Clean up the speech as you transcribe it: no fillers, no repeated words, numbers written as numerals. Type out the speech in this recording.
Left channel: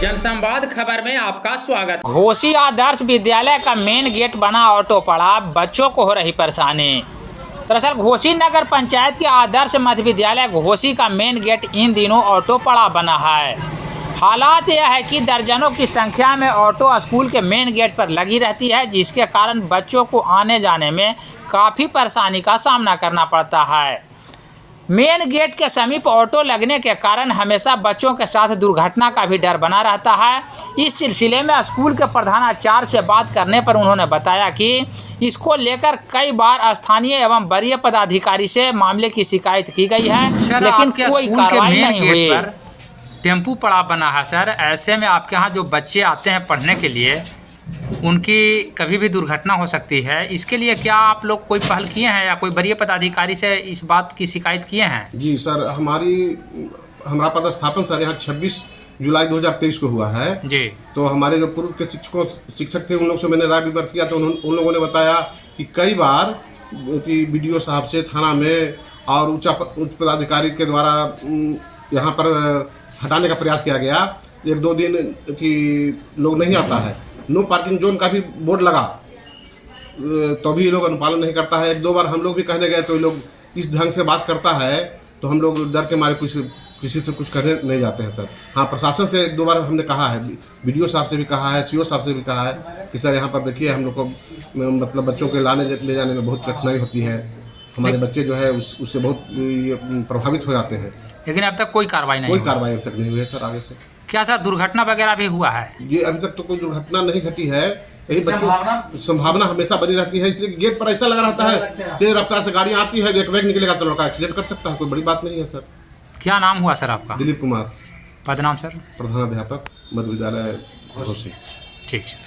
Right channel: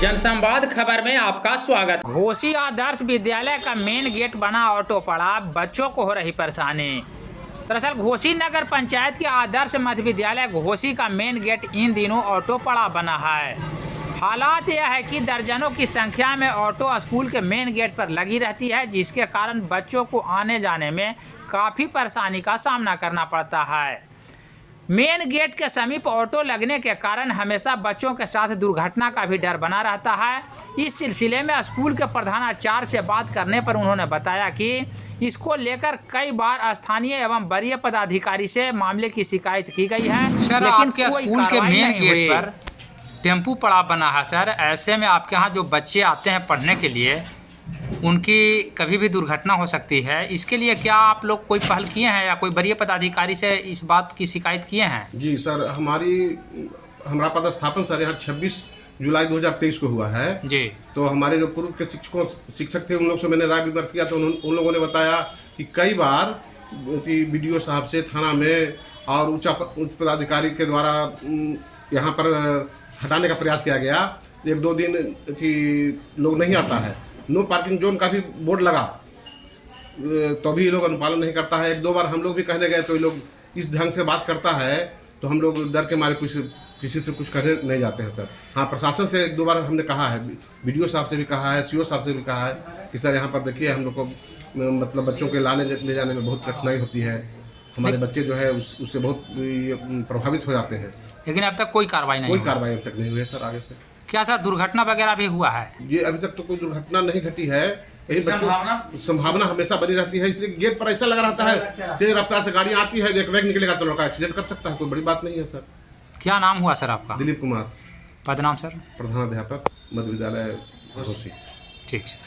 जनसंवाद खबर में आपका स्वागत। घोसी आदर्श विद्यालय का मेन गेट बना ऑटो पड़ा, बच्चों को हो रही परेशानी। दरअसल घोसी नगर पंचायत के आदर्श मध्य विद्यालय घोसी का मेन गेट इन दिनों ऑटो पड़ा बना है। हालात यह है कि दर्जनों की संख्या में ऑटो स्कूल के मेन गेट पर लगी रहती है, जिसके कारण बच्चों को आने जाने में काफ़ी परेशानी का सामना करना पड़ता है। मेन गेट के समीप ऑटो लगने के कारण हमेशा बच्चों के साथ दुर्घटना का भी डर बना रहता है। इस सिलसिले में स्कूल के प्रधानाचार्य से बात करने पर उन्होंने बताया कि इसको लेकर कई बार स्थानीय एवं वरीय पदाधिकारी से मामले की शिकायत की गई है, लेकिन कोई कार्रवाई नहीं हुई। टेम्पू पड़ा बना है सर, ऐसे में आपके यहाँ जो बच्चे आते हैं पढ़ने के लिए उनकी कभी भी दुर्घटना हो सकती है। इसके लिए क्या आप लोग कोई पहल किए हैं या कोई वरीय पदाधिकारी से इस बात की शिकायत किए हैं? जी सर, हमारा पदस्थापन सर यहाँ 26 जुलाई 2023 को हुआ है जी। तो हमारे जो पूर्व के शिक्षक थे उन लोग से मैंने राय विमर्श किया तो उन लोगों ने बताया कि कई बार BDO साहब से थाना में और उच्च पदाधिकारी के द्वारा यहाँ पर हटाने का प्रयास किया गया। 1-2 दिन लोग नहीं आता है। नो पार्किंग जोन का भी बोर्ड लगा तो भी ये लोग अनुपालन नहीं करता है। 1-2 बार हम लोग भी कहने गए तो ये लोग इस ढंग से बात करता है तो हम लोग डर के मारे किसी से कुछ करने नहीं जाते हैं सर। हाँ, प्रशासन से 1-2 बार हमने कहा है, BDO साहब से भी कहा है, CO साहब से भी कहा है कि सर यहाँ पर देखिए हम लोग को मतलब बच्चों के ले जाने में बहुत कठिनाई होती है। हमारे बच्चे जो है उससे बहुत प्रभावित हो जाते हैं। लेकिन अब तक कोई कार्रवाई अब तक नहीं हुई है सर। आगे से क्या सर दुर्घटना वगैरह भी हुआ है? जी, अभी तक तो कोई दुर्घटना नहीं घटी है। यही संभावना हमेशा बनी रहती है, इसलिए गेट पर ऐसा लगा रहता है तेज रफ्तार से गाड़ी आती है, एक वेग निकलेगा तो लड़का एक्सीडेंट कर सकता है। कोई बड़ी बात नहीं है सर। क्या नाम हुआ सर आपका? दिलीप कुमार। पद नाम सर? प्रधानाध्यापक मध्य विद्यालय घोसी। ठीक है।